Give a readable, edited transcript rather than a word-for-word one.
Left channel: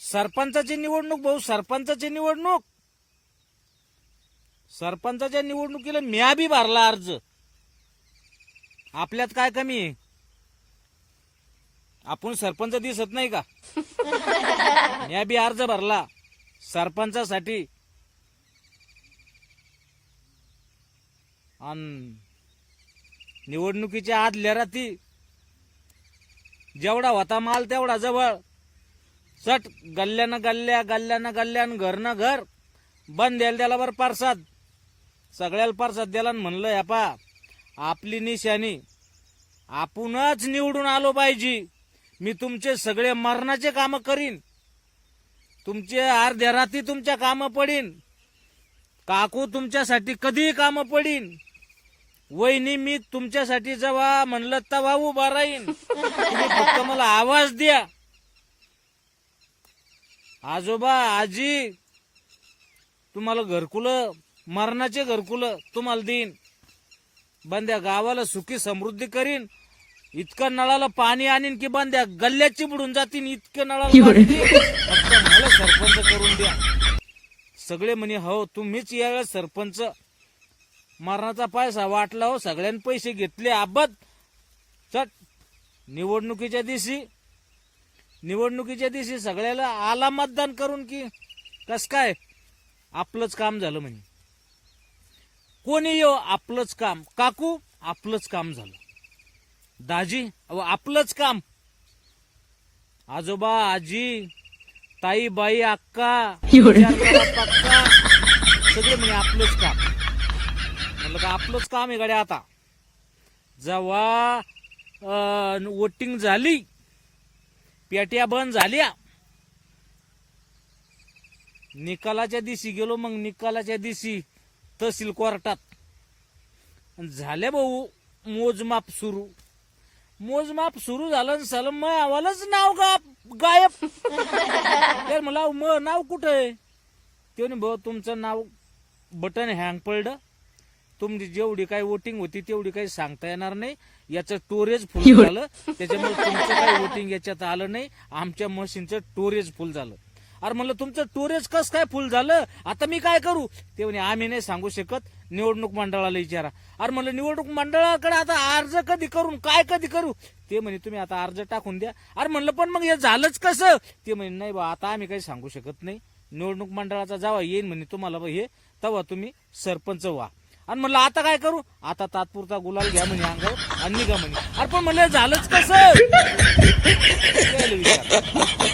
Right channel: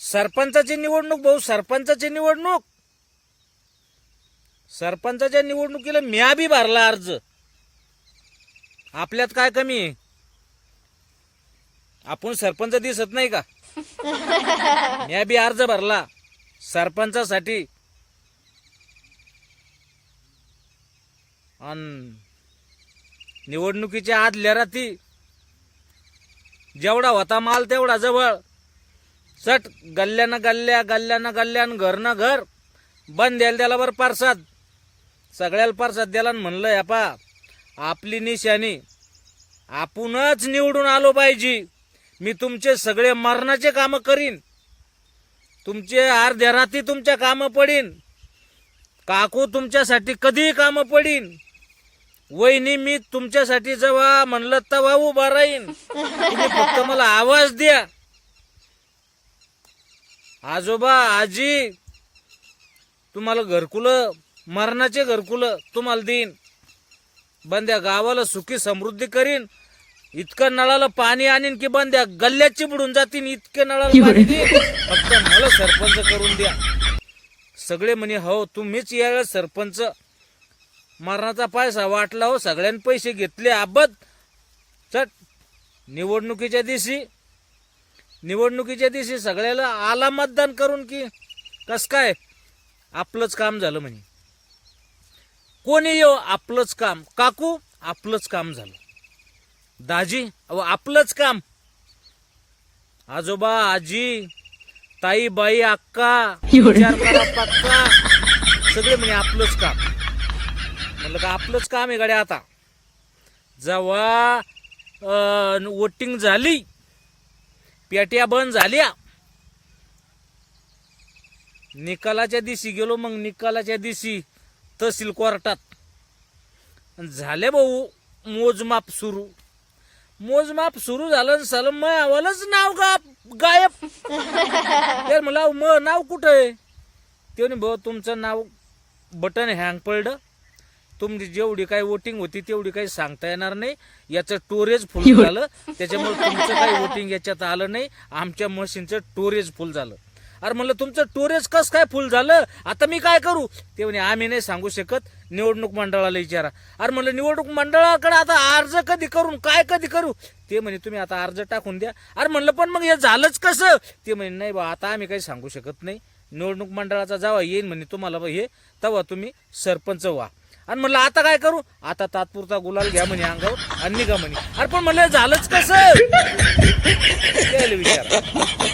सरपंचाची निवडणूक भाऊ, सरपंचाची निवडणूक. सरपंचाच्या निवडणुकीला म्या बी भरला अर्ज. आपल्यात काय कमी आहे? आपण सरपंच दिसत नाही का? म्या बी अर्ज भरला सरपंचासाठी. आणि निवडणुकीच्या आदल्या रात्री जेवढा होता माल तेवढा जवळ. चट गल्ल्यानं गल्ल्या, गल्ल्यानं गल्ल्यान, घरनं घर. बंद द्यायला त्याला बरं पारसाद. सगळ्याला पारसाद द्याला. म्हणलं यापा आपली निशाणी आपणच निवडून आलो पाहिजे. मी तुमचे सगळे मरणाचे काम करीन. तुमचे अर्ध्या रात्री तुमच्या कामं पडीन. काकू तुमच्यासाठी कधीही कामं पडीन. वहिनी मी तुमच्यासाठी जेव्हा म्हणलं तेव्हा उभा राहीन. तुम्ही फक्त मला आवाज द्या. आजोबा आजी तुम्हाला घरकुलं, मरणाचे घरकुलं तुम्हाला देईन. बंद्या गावाला सुखी समृद्धी करीन. इतकं नळाला पाणी आणीन की बंद्या गल्ल्याची बुडून जातीन. इतके नळाला पाणी देईन. फक्त मला सरपंच करून द्या. सगळे म्हणे हो तुम्हीच या सरपंच. मरणाचा पैसा वाटला हो, सगळ्यांनी पैसे घेतले आबद. चट निवडणुकीच्या दिवशी सगळ्याला आला मतदान करून की कस काय आपलंच काम झालं म्हणे. कोणी येऊ आपलंच काम. काकू आपलंच काम झालं. दाजी अहो आपलंच काम. आजोबा आजी ताई बाई अक्का पक्का सगळे म्हणे आपलंच काम. म्हणलं का आपलंच काम आहे गाड्या. आता जेव्हा वोटिंग झाली, पेट्या बंद झाल्या, निकालाच्या दिवशी गेलो. मग निकालाच्या दिवशी तहसील कोर्टात झाले भाऊ मोजमाप सुरू. मोजमाप सुरू झालं. सलम आवालाच नाव गायब. तर मला नाव कुठं आहे? ते भाऊ तुमचं नाव बटन हँग पडलं. तुमची जेवढी काही वोटिंग होती तेवढी काही सांगता येणार नाही. याचं स्टोरेज फुल झालं. त्याच्यामुळे तुमचं काही वोटिंग याच्यात आलं नाही. आमच्या मशीनचं स्टोरेज फुल झालं. अरे म्हणलं तुमचं स्टोरेज कसं काय फुल झालं? आता मी काय करू? ते म्हणे आम्ही नाही सांगू शकत. निवडणूक मंडळाला विचारा. अरे म्हणलं निवडणूक मंडळाकडे आता अर्ज कधी करू? ते म्हणे तुम्ही आता अर्ज टाकून द्या. अरे म्हणलं पण मग हे झालंच कसं? ते म्हणे नाही बा आता आम्ही काही सांगू शकत नाही. निवडणूक मंडळाचा जेव्हा येईन म्हणे तुम्हाला हे तेव्हा तुम्ही सरपंच व्हा. आणि म्हणलं आता काय करू? आता तात्पुरता गुलाल घ्या म्हणे अंगावर आणि निघा म्हणे. अरे पण म्हणलं झालंच कसं? विचार